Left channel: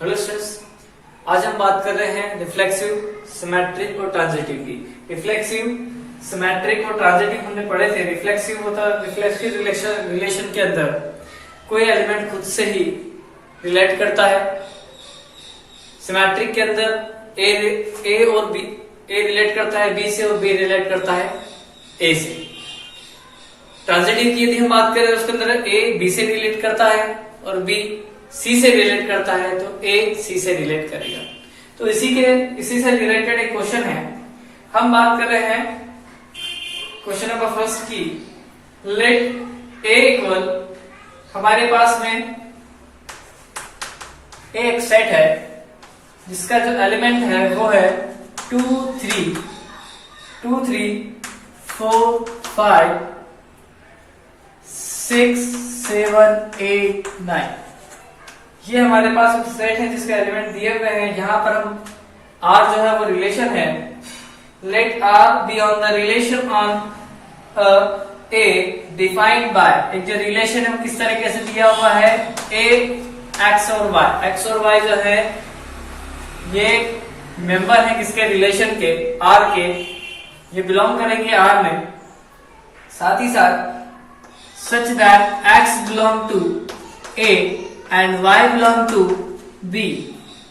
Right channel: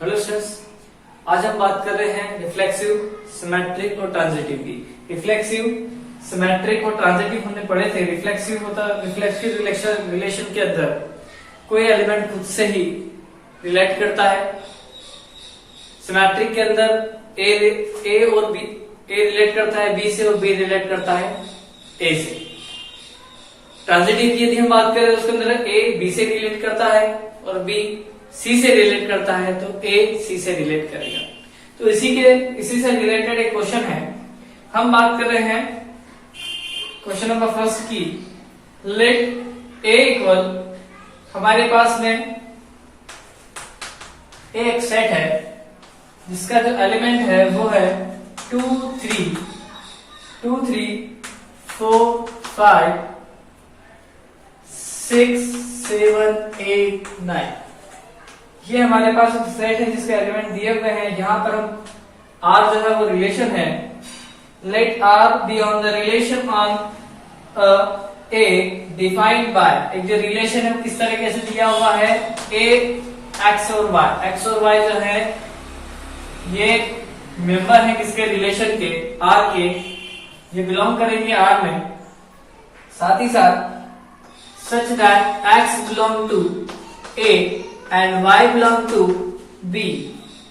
Hello students, आज हम बात कर रहे हैं रिफ्लेक्सिव, सिमेट्रिक और ट्रांजिटिव की। रिफ्लेक्सिव, सिमेट्रिक और ट्रांजिटिव हमने पढ़े थे। रिफ्लेक्सिव होता है रिफ्लेक्सिव रिलेशन के अंदर कोई एलिमेंट खुद से ही रिलेट करता है। सिमेट्रिक के अंदर ए और बी, ए रिलेट करता है बी से और बी रिलेट करता है ए से। ट्रांजिटिव की यदि हम बात करें उसके अंदर ए बी से रिलेट करता है और बी सी से रिलेट करता है, तो ए सी से रिलेट करेगा। तो इसी से रिलेटेड एक क्वेश्चन है। हम बात कर रहे हैं क्वेश्चन नंबर फर्स्ट की। लेट ए इक्वल, हमारे पास में ए एक सेट है जिसका जो एलिमेंट है वो है 2 3 4 5 6 7 8 9। ये हमारे पास एक सेट है जिसके एलिमेंट दिए हुए हैं। यहां पर हम R जो है वो रिलेशन है। Let R be on the relation on A defined by, एक जो रिलेशन है वो किस तरीके से दिया हुआ है, A X और Y। X और Y जो है ये मेंबर है किसके, रिलेशन के, R के। ये बिलोंग करेंगे R में। साथ ही साथ such that X belong to A and Y belong to B,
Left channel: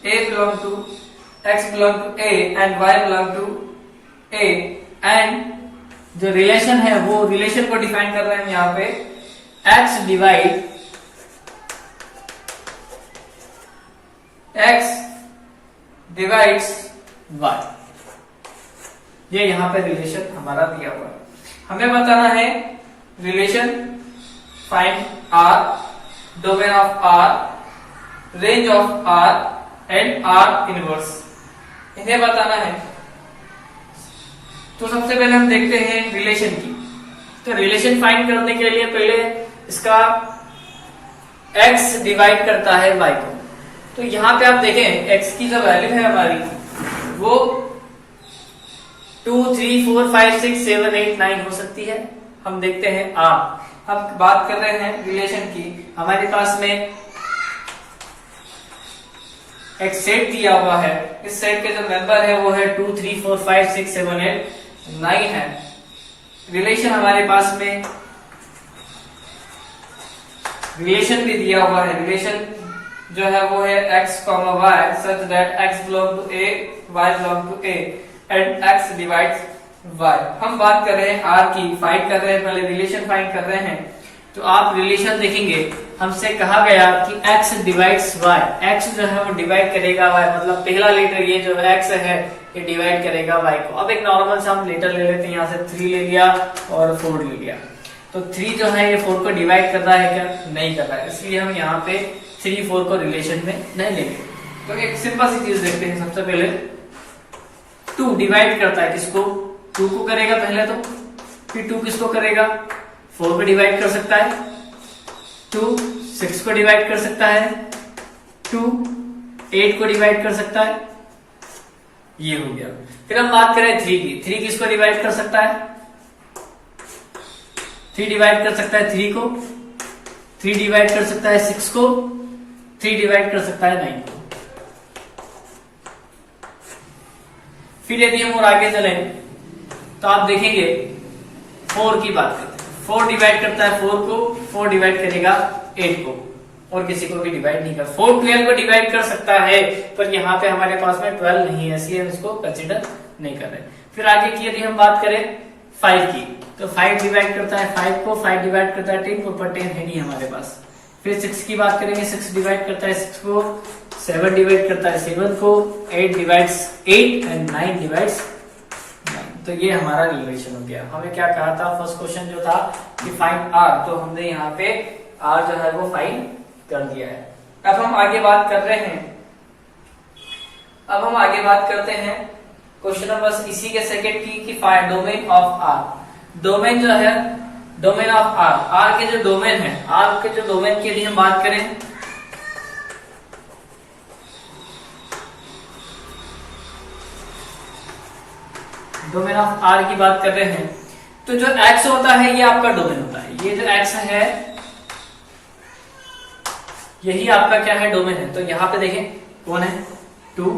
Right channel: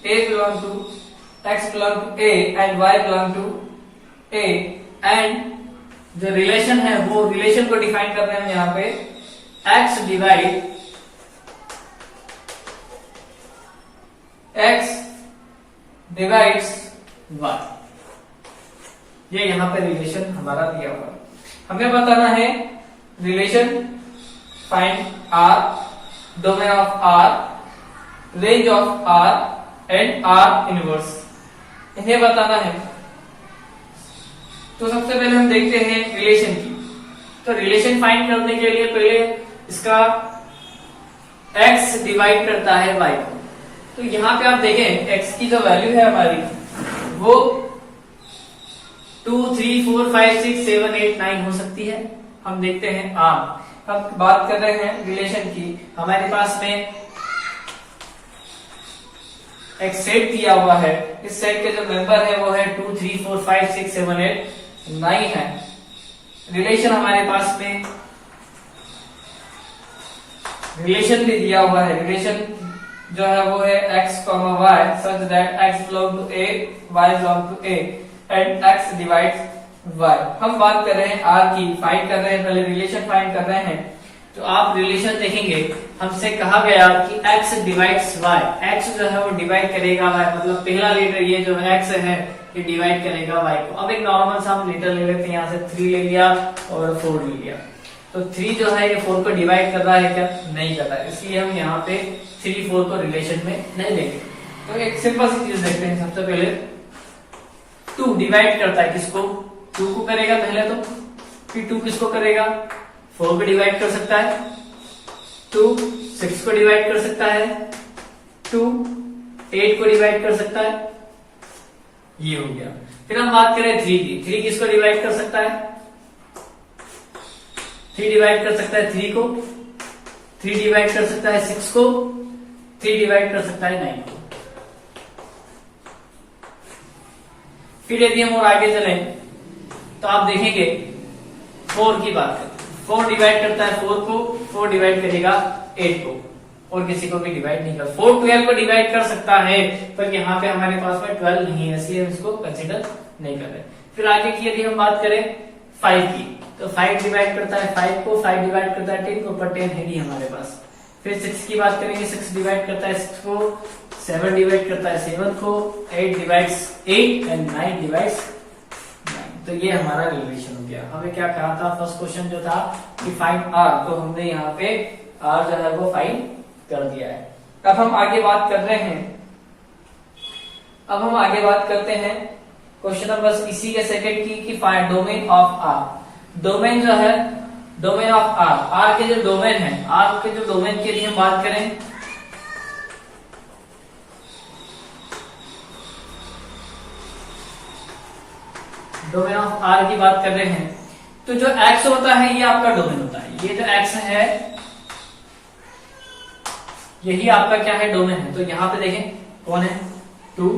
A belong to X belong to A and Y belong to A, and जो रिलेशन है वो रिलेशन को डिफाइन कर रहे हैं यहाँ पे। X डिवाइड्स Y, ये यहाँ पे रिलेशन हमारा दिया हुआ है। हमें बताना है relation find R, domain of R, range of R and R inverse, इन्हें बताना है। तो सबसे पहले हम देखते हैं रिलेशन की। तो रिलेशन फाइंड करने के लिए पहले इसका X डिवाइड करता है Y को। तो यहां पे आप देखें X की जो वैल्यू है हमारी वो 2 3 4 5 6 7 8 9 हो सकती है। हम देखते हैं R। हम बात कर रहे हैं रिलेशन की। हमारे पास में एक सेट दिया हुआ है। इस सेट के जो मेंबर है वो है 2 3 4 5 6 7 8 9 है। रिलेशन हमारे पास में रिलेशन भी दिया हुआ है। रिलेशन जो है वो है x, y such that x belong to A, y belong to A and x divides Y। हम बात कर रहे हैं R की, फाइंड कर रहे हैं, पहले रिलेशन फाइंड कर रहे हैं। तो आप रिलेशन देखेंगे, हमसे कहा गया कि X डिवाइड्स Y, X जो है वो डिवाइड करेगा Y, मतलब पहला लेटर ये जो X है ये डिवाइड करेगा Y को। अब एक नॉर्मल सा हम लेटर ले लेते हैं, यहाँ से 3 ले लिया और 4 ले लिया। तो 3 जो है ये 4 को डिवाइड कर रहा है क्या, नहीं कर रहा है, इसलिए हम यहाँ पे 3 4 को रिलेशन में नहीं लेंगे। तो एक सिंपल सी चीज देखते हैं। सबसे पहले 2 डिवाइड करता है किसको, 2 को करेगा पहले तो, फिर 2 किसको करेगा, 4 को डिवाइड कर सकता है, 2 6 को डिवाइड कर सकता है, 2 8 को डिवाइड कर सकता है। ये हो गया। फिर हम बात करें 3 की। 3 किसको डिवाइड कर सकता है, 3 डिवाइड कर सकता है 3 को, 3 डिवाइड कर सकता है 6 को, 3 डिवाइड कर सकता है 9 को। फिर यदि हम और आगे चले तो आप देखेंगे 4 की बात करते हैं। 4 डिवाइड करता है 4 को, 4 डिवाइड करेगा 8 को, और किसी को भी डिवाइड नहीं कर। 4 12 को डिवाइड कर सकता है, पर यहाँ पे हमारे पास में 12 नहीं है, इसलिए हम इसको कंसिडर नहीं कर रहे। फिर आगे की यदि हम बात करें 5 की, तो 5 डिवाइड करता है 5 को, 5 डिवाइड करता है 10 को, पर 10 है नहीं हमारे पास। फिर 6 की बात करेंगे, 6 डिवाइड करता है 6 को, 7 डिवाइड करता है 7 को, 8 डिवाइड्स 8 एंड 9 डिवाइड्स 9। तो ये हमारा रिलेशन हो गया। हमें क्या कहा था, फर्स्ट क्वेश्चन जो था कि फाइंड R, तो हमने यहाँ पे R जो है वो फाइंड कर दिया है। अब हम आगे बात कर रहे हैं, अब हम आगे बात करते हैं क्वेश्चन नंबर इसी के सेकंड की find domain of R। Domain जो है, डोमेन ऑफ R, R के जो डोमेन है, R के जो डोमेन की यदि हम बात करें, डोमेन ऑफ R की बात कर रहे हैं, तो जो X होता है ये आपका डोमेन होता है। ये जो X है यही आपका क्या है, डोमेन है। तो यहाँ पे देखें कौन है 2,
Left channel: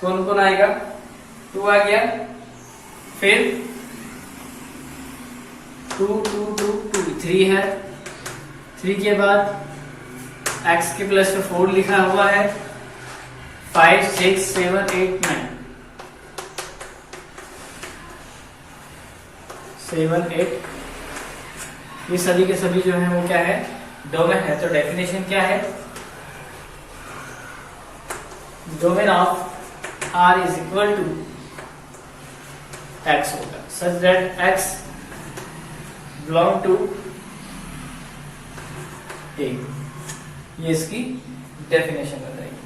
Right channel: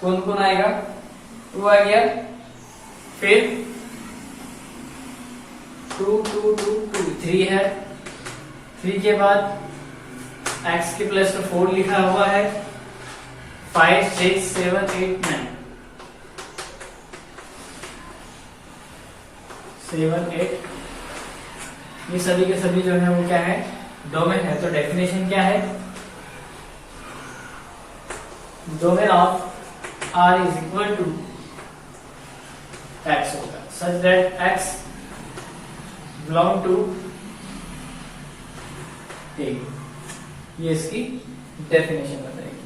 कौन कौन आएगा 2 आ गया, फिर 2 2 2 2 3 है, 3 के बाद x के प्लस में 4 लिखा हुआ है, 5 6 7 8 9 7 8, ये सभी के सभी जो है वो क्या है डोमेन है। तो डेफिनेशन क्या है, domain of R is equal to x होगा such that x belong to A, ये इसकी डेफिनेशन बताएगी।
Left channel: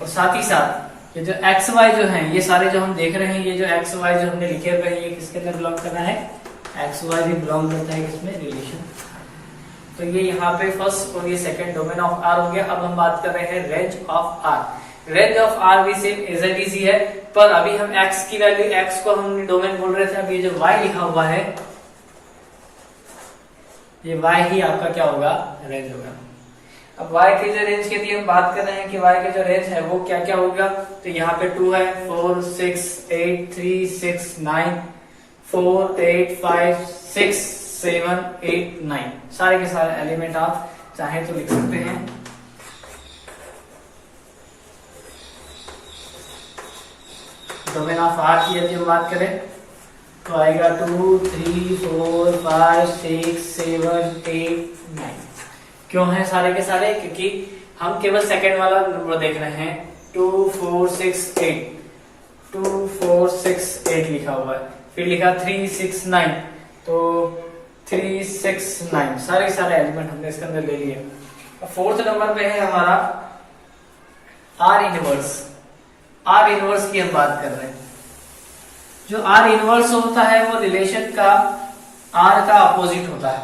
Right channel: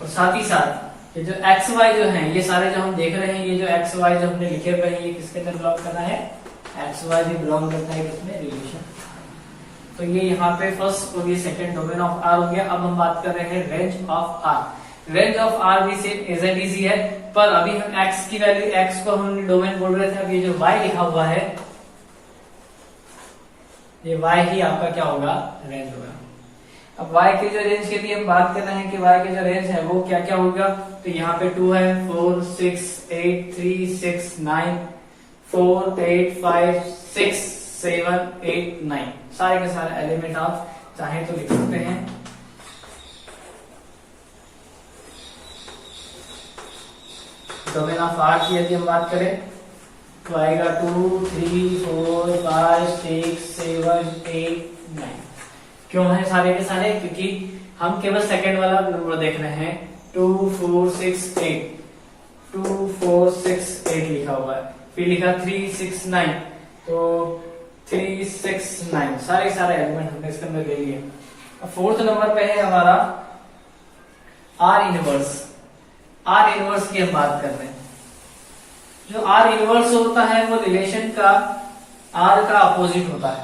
और साथ ही साथ ये जो एक्स वाई जो है, ये सारे जो हम देख रहे हैं, ये जो एक्स वाई जो हमने लिखे हुए हैं, ये किसके अंदर बिलोंग करना है, एक्स वाई भी बिलोंग करता है किसमें, रिलेशन। तो ये यहाँ पे फर्स्ट और ये सेकंड डोमेन ऑफ आर हो गया। अब हम बात कर रहे हैं range of R. Range of R भी सेम एज इट इज है, पर अभी हम एक्स की वैल्यू, एक्स को हम डोमेन बोल रहे थे, अभी जो वाई लिखा हुआ है, ये वाई ही आपका क्या होगा, रेंज होगा। अब y के जो रेंज के लिए हम बात कर रहे हैं कि y के जो रेंज है वो क्या क्या होगा, तो यहाँ पे 2 है, 4 6 8 3 6 9 4 8 5 6 7 8 9, सारे के सारे एलिमेंट आप चाहे तो लिख सकते हैं। डोमेन ऑफ R की यदि हम बात करें तो आएगा 2 3 4 5 6 7 8 9। क्यों है सारे के सारे, क्योंकि हम केवल सेकंड वाला नंबर देख रहे हैं। 2 4 6 8 2 4 6 8 लिखा हुआ है, फिर लिखा 3 6 9, तो 3 6 9 सारे के सारे एलिमेंट हमने इसके अंदर ले लिए। अब फोर्थ नंबर पे है हमारा आर इनवर्स। आर इनवर्स की हम बात कर रहे हैं। जो आर इनवर्स होता है वो रिलेशन का आर का अपोजिट होता है।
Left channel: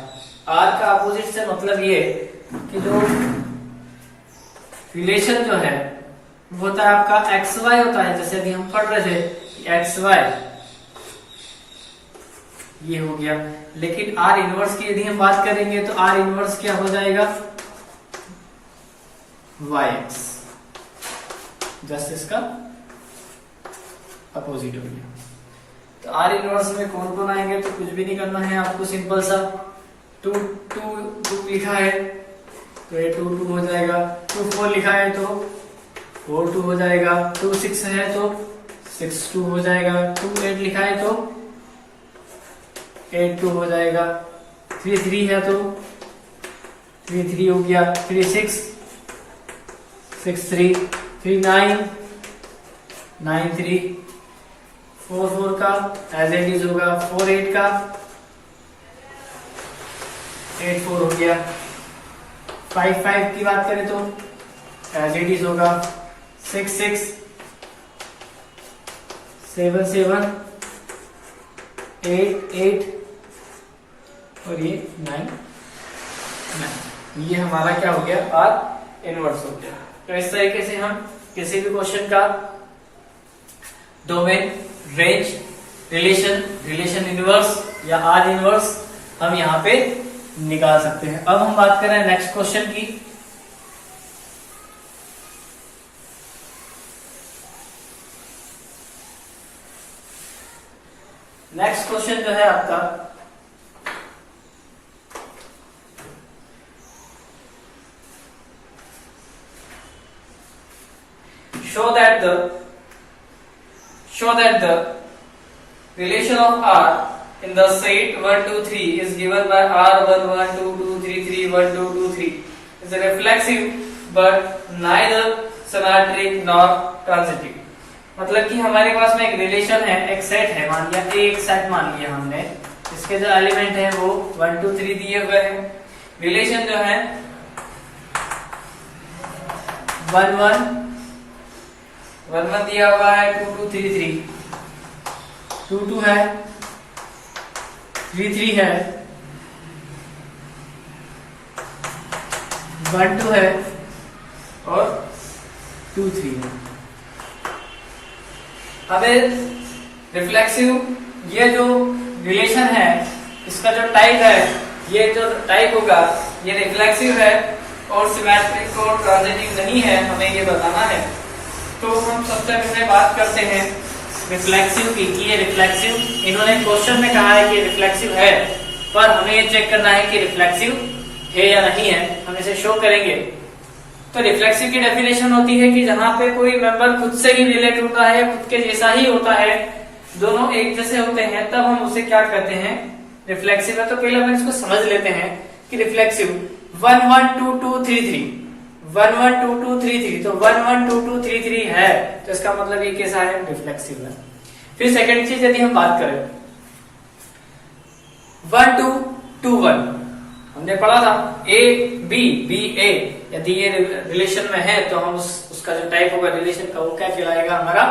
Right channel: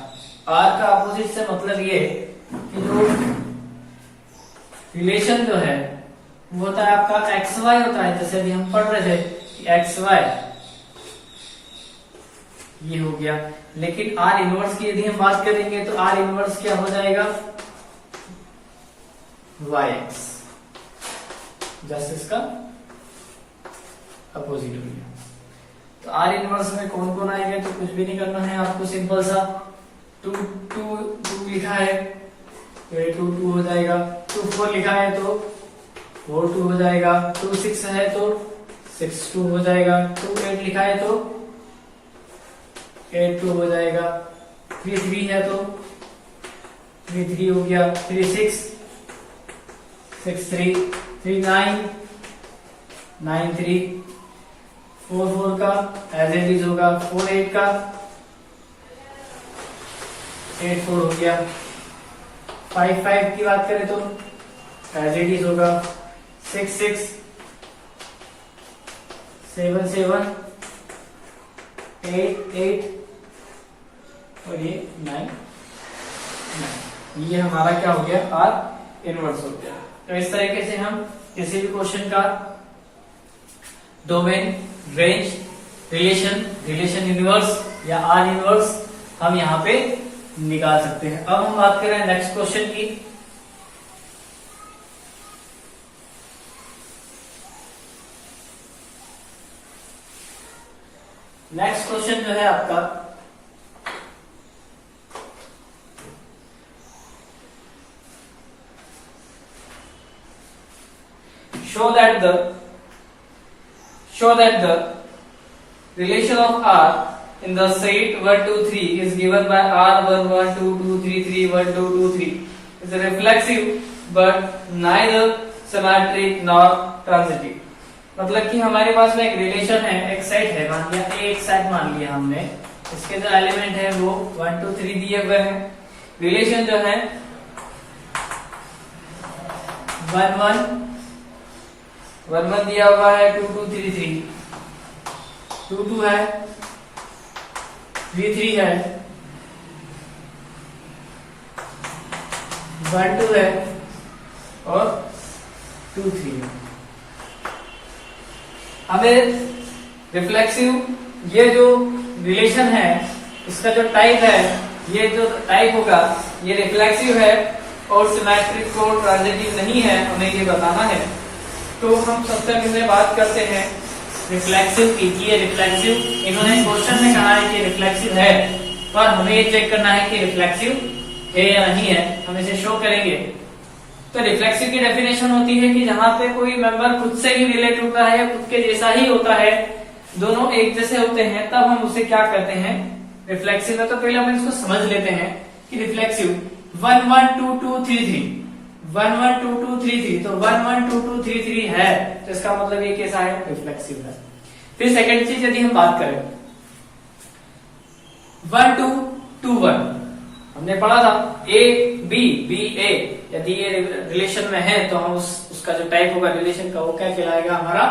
आर का अपोजिट से मतलब ये कि जो रिलेशन जो है वो होता है आपका एक्स वाई होता है, जैसे अभी हम पढ़ रहे थे एक्स वाई, ये हो गया। लेकिन आर इनवर्स की यदि हम बात करेंगे तो आर इनवर्स क्या हो जाएगा, वाई एक्स, जस्ट इसका अपोजिट हो गया। तो आर इनवर्स में कौन कौन आएंगे, तो कुछ भी नहीं करना है आपको, सिंपल सा 2 2 2 लिखा है तो ये 2 2 हो जाएगा, 2 4 लिखा है तो 4 2 हो जाएगा, 2 6 है तो 6 2 हो जाएगा, 2 8 लिखा है तो 8 2 हो जाएगा, 3 3 है तो 3 3 हो गया, 3 6 6 3 3 9 9 3 4 4 का एज इट इज होगा, 4 8 का 8 4 हो गया, 5 5 की बात करें तो एज इट इज होगा, 6 6 7 7 8 8 और ये 9 9। ये हमारा क्या हो गया, आर इनवर्स हो गया। तो इस तरीके से हम किसी भी क्वेश्चन का domain, range, relation, relation inverse या आर इनवर्स हम यहाँ पे निकाल सकते हैं। अब हम बात कर रहे हैं नेक्स्ट क्वेश्चन की। नेक्स्ट क्वेश्चन जो है आपका, show that the relation of R in the set 1 2 3 is given by R 1 1 2 2 3 3 1 2 2 3 is reflexive but neither symmetric nor transitive। मतलब कि हमारे पास में एक रिलेशन है, एक सेट है, मान लिया एक सेट मान लिया हमने, इसके जो एलिमेंट है वो 1 2 3 दिए हुए हैं। रिलेशन जो है 1 1 1 1 दिया हुआ है, 2 2 3 3 2 2 है, 3 3 है, 1 2 है और 2 3 है। हमें रिफ्लेक्सिव, ये जो रिलेशन है इसका जो टाइप है, ये जो टाइप होगा ये रिफ्लेक्सिव है और सिमेट्रिक और ट्रांजिटिव नहीं है, हमें ये बताना है। तो हम सबसे पहले बात करते हैं रिफ्लेक्सिव की, कि ये रिफ्लेक्सिव, इन्होंने क्वेश्चन में कहा है कि रिफ्लेक्सिव है, पर हमें ये चेक करना है कि रिफ्लेक्सिव है या नहीं है, हम इसे शो करेंगे। तो रिफ्लेक्सिव की डेफिनेशन होती है कि जहां पे कोई मेंबर खुद से ही रिलेट होता है, खुद के जैसा ही होता है, दोनों एक जैसे होते हैं, तब हम उसे क्या कहते हैं, रिफ्लेक्सिव है। तो पहले हम इसको समझ लेते हैं कि रिफ्लेक्सिव 1 1 2 2 3 3 1 1 2 2 3 3, तो 1 1 2 2 3 3 है, तो इसका मतलब ये कैसा है, रिफ्लेक्सिव है। फिर सेकंड चीज यदि हम बात करें 1 2 2 1, हमने पढ़ा था ए बी बी ए, यदि ये रिलेशन में है तो हम उसका जो टाइप होगा रिलेशन का, वो क्या कहलाएगा, हमारा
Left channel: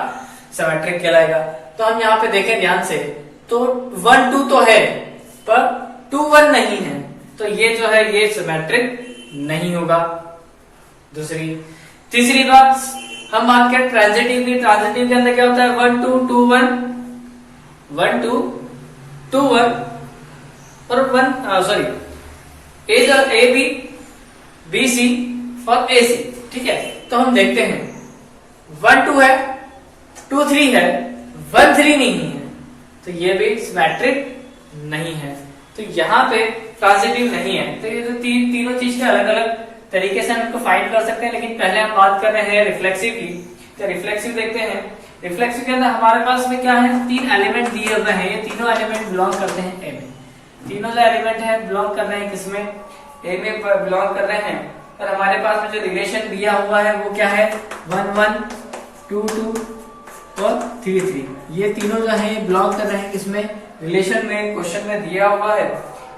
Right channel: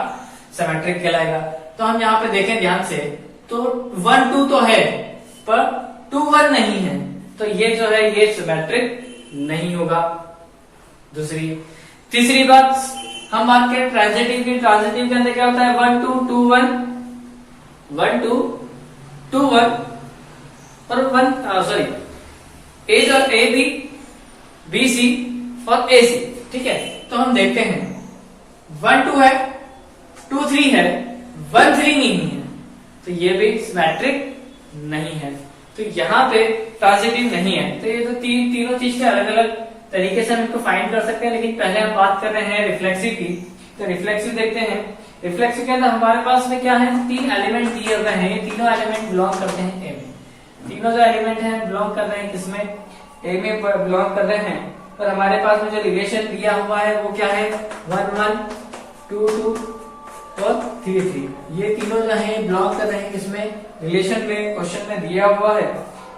सिमेट्रिक कहलाएगा। तो हम यहाँ पे देखें ध्यान से, तो 1 2 तो है पर 2 1 नहीं है, तो ये जो है ये सिमेट्रिक नहीं होगा। तीसरी बात हम बात करें ट्रांजिटिव की। ट्रांजिटिव के अंदर क्या होता है, 1 2 2 1 1 2 2 1 और 1 ए बी बी सी और ए सी, ठीक है। तो हम देखते हैं 1 2 है, 2 3 है, 1 3 नहीं है, तो ये भी सिमेट्रिक नहीं है। तो यहाँ पे ट्रांजिटिव नहीं है। तो ये तो तीनों चीज के अलग अलग तरीके से हम इनको फाइंड कर सकते हैं, लेकिन पहले हम बात कर रहे हैं रिफ्लेक्सिव की। तो रिफ्लेक्सिव देखते हैं। रिफ्लेक्सिव के अंदर हमारे पास में क्या है, 3 एलिमेंट दिए हुए हैं, ये तीनों एलिमेंट बिलोंग करते हैं ए में। तीनों जो एलिमेंट है बिलोंग कर रहे हैं किसमें, ए में बिलोंग कर रहे हैं। पर हमारे पास में जो रिलेशन दिया हुआ है वो क्या है, 1 1 2 2 और 3 3, ये तीनों जो है बिलोंग कर रहे हैं किसमें, रिलेशन में, क्वेश्चन में दिया हुआ है।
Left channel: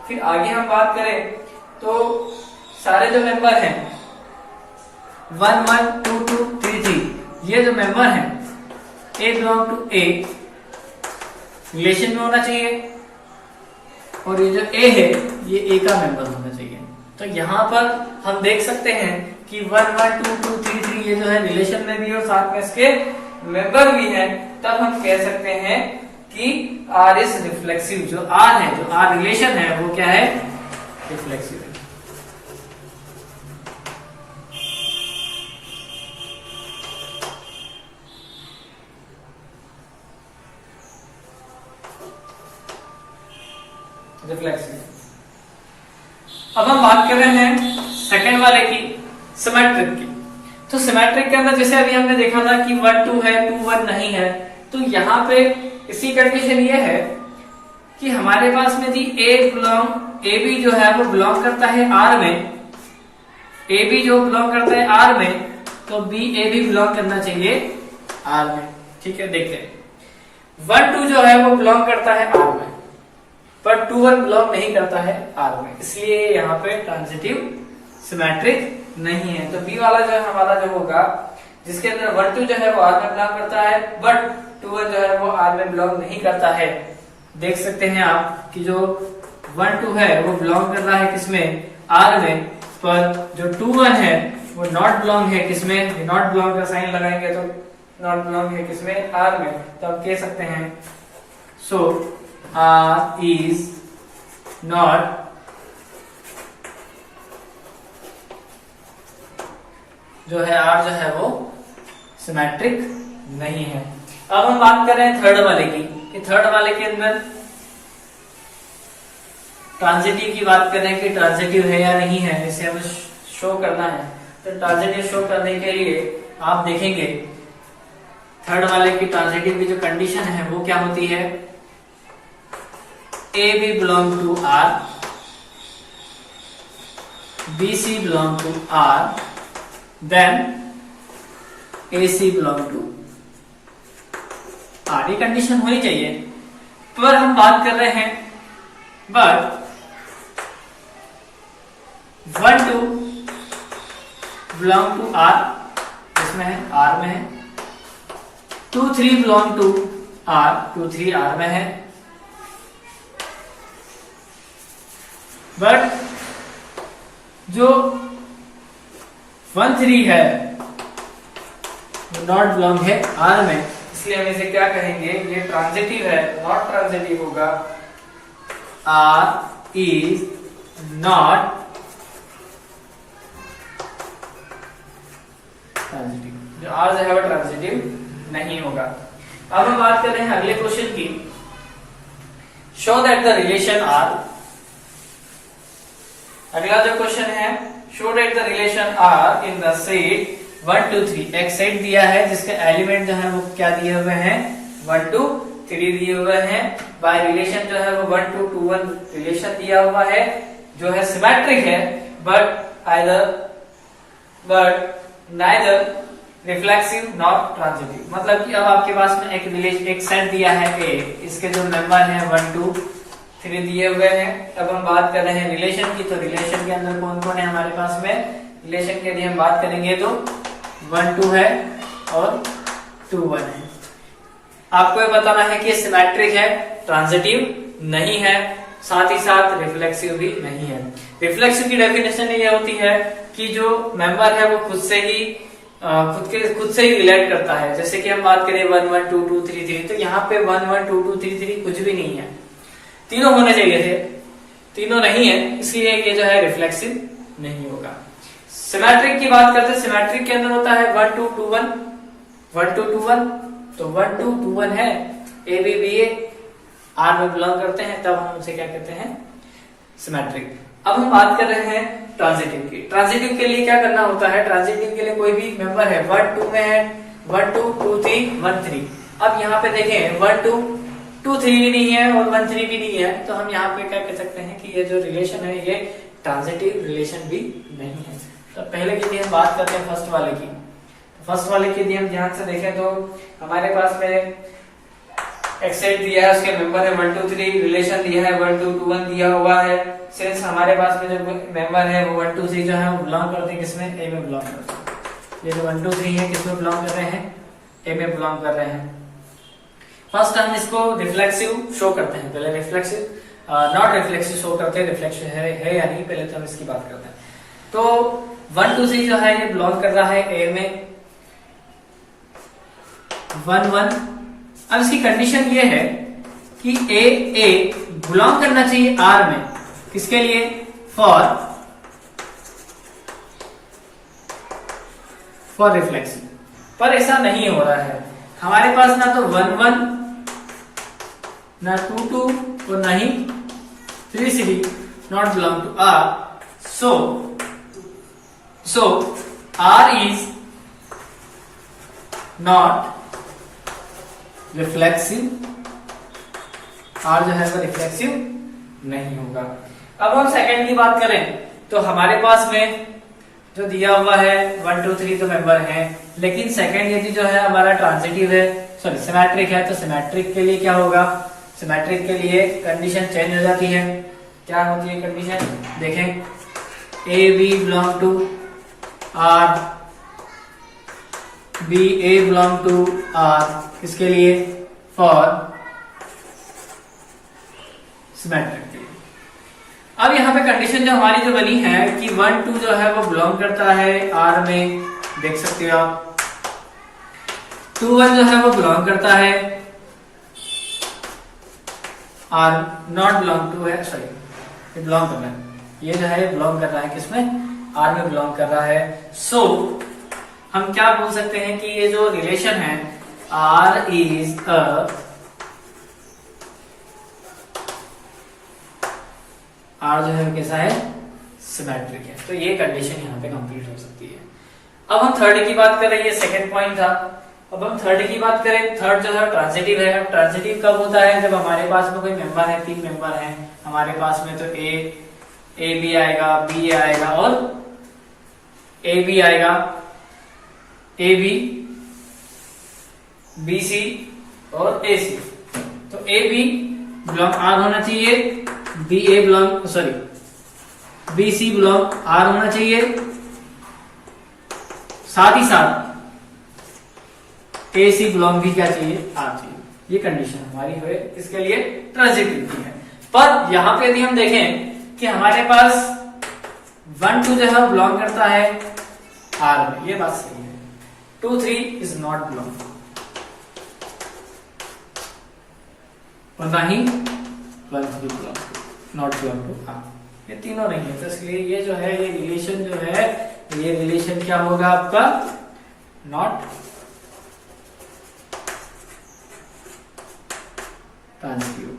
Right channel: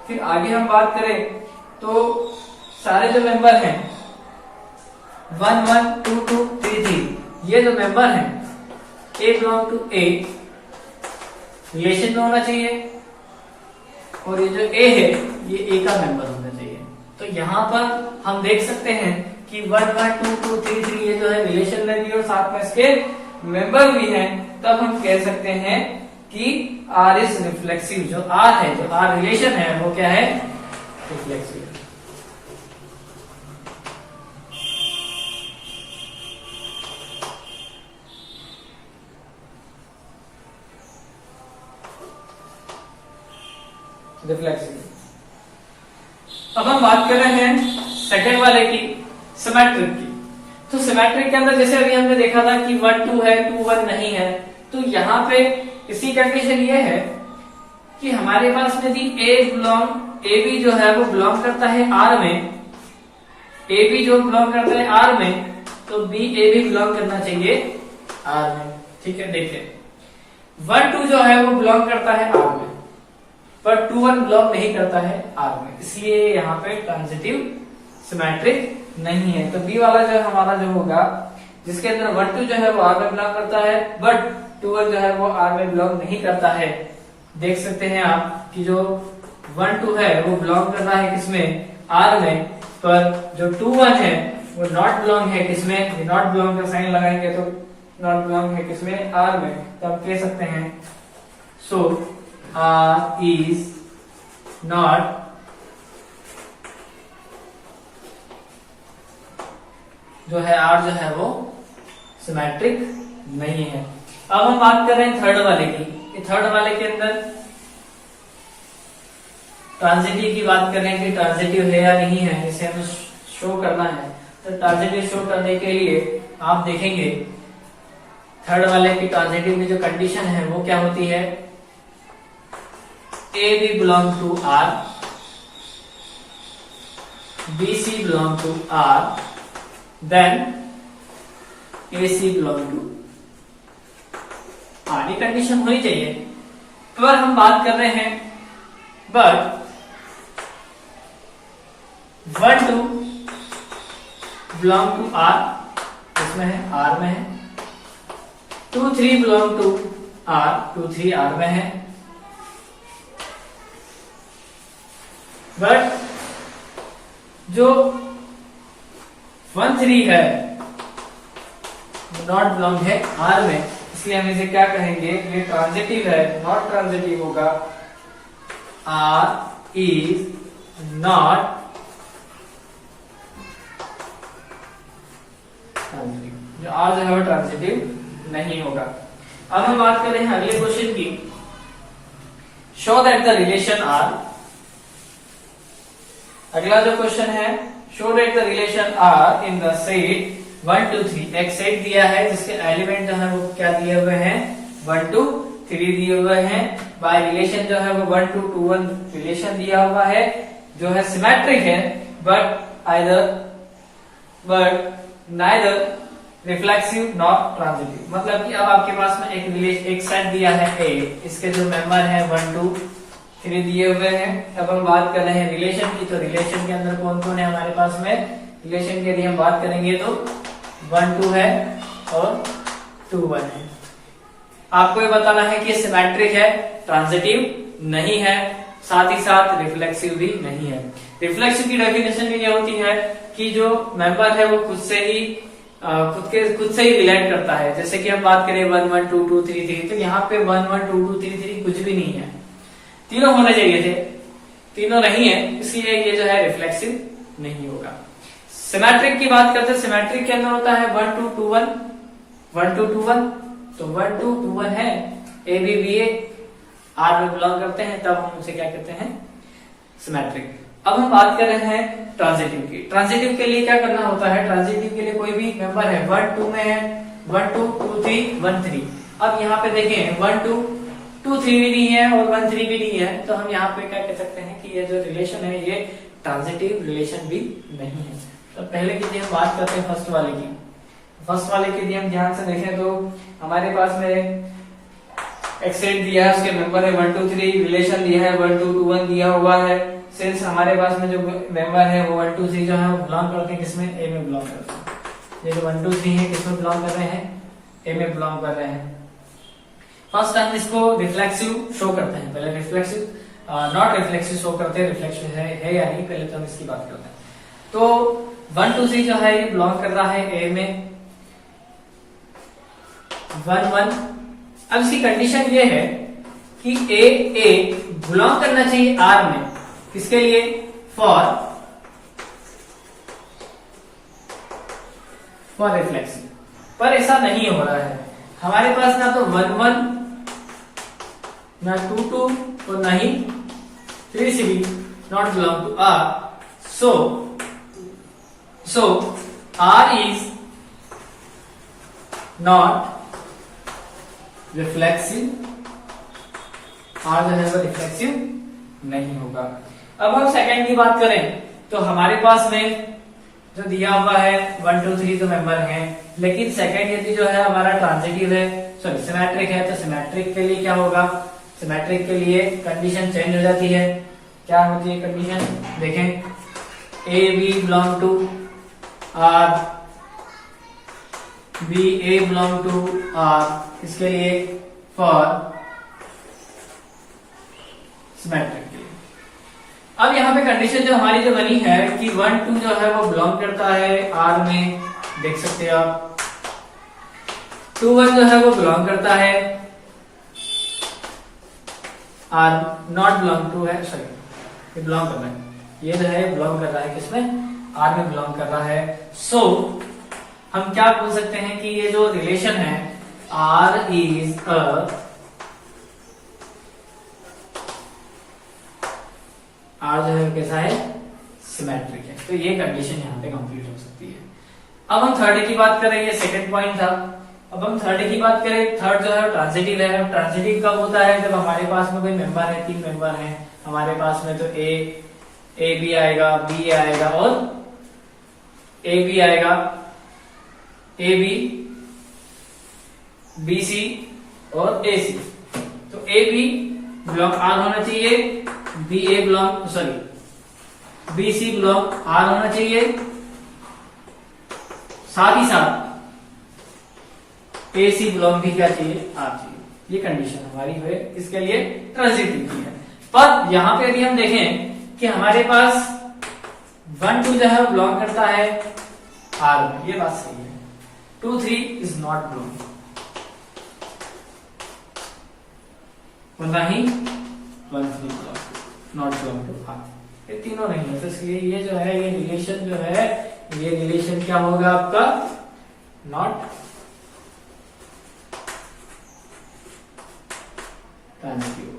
फिर आगे हम बात करें तो सारे जो मेंबर हैं 1 1 2 2 3 3, ये जो मेंबर हैं ए बिलोंग टू ए, रिलेशन में होना चाहिए, और ये जो ए है ये ए का मेंबर होना चाहिए। तो यहाँ पर हम देख सकते हैं कि 1 1 2 2 3 3 ये जो है रिलेशन में भी और साथ में इसके मेंबर भी हैं, तब हम कह सकते हैं कि आर इज रिफ्लेक्सिव। जो आर है, जो आर रिलेशन है, वो क्या है, रिफ्लेक्सिव है। रिफ्लेक्सिव। अब हम बात कर रहे हैं सेकंड वाले की, सिमेट्रिक की। तो सिमेट्रिक के अंदर जैसे अभी हमने देखा था कि 1 2 है, 2 1 नहीं है, तो यहाँ पे इसी कंडीशन ये है कि हमारे पास में थी ए बी जो है वो बिलोंग करता है आर में, ए बी जो बिलोंग करता है आर में, तो बी ए भी बिलोंग करना चाहिए आर में, ठीक है। देखते हैं 1 2 जो है वो बिलोंग करता है आर में, पर 2 1 बिलोंग नहीं करता है आर में, इसलिए यहाँ पे ट्रांजिटिव सिमेट्रिक नहीं है। तो बी वाला जो है हमारा जो होगा, जिसके अंदर 1 2 जो है वो आर में बिलोंग करता है, बट 2 1 जो है वो आर में बिलोंग नहीं करता है। देख सकते हैं आप कि जो 1 2 है वो बिलोंग कर रहा है किसमें, आर में, पर जो 2 1 है वो नॉट बिलोंग है किसमें, नॉट बिलोंग का साइन लगाएंगे तो नॉट बिलोंग है किसमें, आर में। तो आप कह सकते हैं सो R is not जो है R जो है वो सिमेट्रिक नहीं है। अब हम बात कर रहे हैं थर्ड वाले की, कि थर्ड वाले के अंदर ट्रांजिटिव की बात कर रहे हैं कि ट्रांजिटिव है या नहीं है, इसे हमें शो करना है। तो ट्रांजिटिव शो करने के लिए आप देखेंगे थर्ड वाले की ट्रांजिटिव की जो कंडीशन है वो क्या होती है, A B belong to R, B C belong to R, then A C belong to R। ये कंडीशन होनी चाहिए। पर हम बात कर रहे हैं बट 1 2 belong to R, इसमें है R में है, 2 3 belong to R, 2 3 R में है, बट जो 1 3 है नॉट बिलोंग है आर में, इसलिए हम इसे क्या कहेंगे, ये ट्रांजिटिव है, नॉट ट्रांजिटिव होगा। आर इज नॉट ट्रांजिटिव, जो आर जो है वो ट्रांजिटिव नहीं होगा। अब हम बात कर रहे हैं अगले क्वेश्चन की। Show that the relation R, अगला जो क्वेश्चन है, show that the relation R in the set 1 2 3, एक सेट दिया है जिसके एलिमेंट जो है वो क्या दिए हुए हैं, 1 2 3 दिए हुए हैं, बाय रिलेशन जो है वो 1 2 2 1 रिलेशन दिया हुआ है, जो है सिमेट्रिक है, but neither reflexive not transitive. मतलब कि अब आपके पास में एक सेट दिया है ए, इसके जो मेंबर हैं 1 2 3 दिए हुए हैं। अब हम बात कर रहे हैं रिलेशन की, तो रिलेशन के अंदर कौन कौन है हमारे पास में, रिलेशन के लिए हम बात करेंगे तो 1 2 है और 2 1 है। आपको ये बताना है कि सिमेट्रिक है, ट्रांजिटिव नहीं है, साथ ही साथ रिफ्लेक्सिव भी नहीं है। रिफ्लेक्सिव की डेफिनेशन ये होती है कि जो मेंबर है वो खुद से ही रिलेट करता है। जैसे कि हम बात करें 1 1 2 2 3 3, तो यहाँ पे 1 1 2 2 3 3 कुछ भी नहीं है, तीनों होने चाहिए थे, तीनों नहीं है, इसलिए ये जो है रिफ्लेक्सिव नहीं होगा। सिमेट्रिक की बात करते हैं, सिमेट्रिक के अंदर होता है 1 2 2 1 1 2 2 1, तो 1 2 2 1 है, A B B A R में बिलोंग करते हैं, तब हम उसे क्या कहते हैं, सिमेट्रिक। अब हम बात कर रहे हैं ट्रांजिटिव की। ट्रांजिटिव के लिए क्या करना होता है, ट्रांजिटिव के लिए कोई भी मेंबर है 1 2 में है, 1 2 2 3 1 3। अब यहाँ पे देखें 1 2 2 3 भी नहीं है और 1 3 भी नहीं है, तो हम यहाँ पे क्या कह सकते हैं कि ये जो रिलेशन है ये ट्रांजिटिव रिलेशन भी नहीं है। तो पहले के लिए हम बात करते हैं फर्स्ट वाले की। फर्स्ट वाले के लिए हम ध्यान से देखें तो हमारे पास में एक सेट दिया है, उसके मेंबर है 1 2 3, रिलेशन दिया है 1 2 2 1 दिया हुआ है। सिंस हमारे पास में जो मेंबर है वो 1 2 3 जो है वो बिलोंग करते हैं किसमें, ए में बिलोंग करते हैं। ये जो 1 2 3 है किसमें बिलोंग कर रहे हैं, ए में बिलोंग कर रहे हैं। फर्स्ट हम इसको रिफ्लेक्सिव शो करते हैं, पहले रिफ्लेक्सिव नॉट रिफ्लेक्सिव शो करते हैं, रिफ्लेक्सिव है या नहीं, पहले तो हम इसकी बात करते हैं। तो 1 2 3 जो है ये बिलोंग कर रहा है ए में, 1 1। अब इसकी कंडीशन ये है कि ए बिलोंग करना चाहिए आर में, किसके लिए, फॉर रिफ्लेक्सिव, पर ऐसा नहीं हो रहा है। हमारे पास ना तो 1 1 ना 2 2 और ना ही 3 3 not belong to R. So R is not reflexive, R जो है वो रिफ्लेक्सिव नहीं होगा। अब हम सेकंड की बात करें तो हमारे पास में जो दिया हुआ है 1 2 3 तो मेंबर हैं, लेकिन सेकंड यदि जो है हमारा ट्रांजिटिव है, सॉरी सिमेट्रिक है, तो सिमेट्रिक के लिए क्या होगा, सिमेट्रिक के लिए कंडीशन चेंज हो जाती है। क्या होती है कंडीशन, देखें A B belong to R, B A belong to R, इसके लिए फॉर सिमेट्रिक के लिए। अब यहाँ पे कंडीशन जो हमारी जो बनी है कि 1 2 जो है वो बिलोंग करता है आर में, देख सकते हैं आप, 2 1 जो है वो बिलोंग करता है आर, नॉट बिलोंग टू है, सॉरी ये बिलोंग कर रहा है, ये जो है बिलोंग कर रहा है किसमें, आर में बिलोंग कर रहा है। सो हम क्या बोल सकते हैं कि ये जो रिलेशन है आर इज अ आर जो है कैसा है, सिमेट्रिक है। तो ये कंडीशन यहाँ पे कंप्लीट हो सकती है। अब हम थर्ड की बात करें, ये सेकंड पॉइंट था। अब हम थर्ड की बात करें, थर्ड जो है ट्रांजिटिव है। ट्रांजिटिव कब होता है, जब हमारे पास में कोई मेंबर है, 3 मेंबर हैं हमारे पास में, तो ए बी आएगा, बी आएगा और ए बी आएगा, ए बी बी सी और ए सी। तो ए बी बिलोंग आर होना चाहिए, B A belong sorry B C belong R होना चाहिए, साथ ही साथ ए सी बिलोंग भी क्या चाहिए, आर चाहिए। ये कंडीशन हमारी है इसके लिए ट्रांजिटिव की है। पर यहां पे यदि हम देखें कि हमारे पास 1 2 जो है वो बिलोंग करता है आर में, ये बात सही है। 2 3 इज नॉट बिलोंग, और ना ही 1 3 belong not belong to R, ये तीनों नहीं है। तो इसलिए ये जो है ये रिलेशन जो है, ये रिलेशन क्या होगा आपका नॉट ट्रांजिटिव।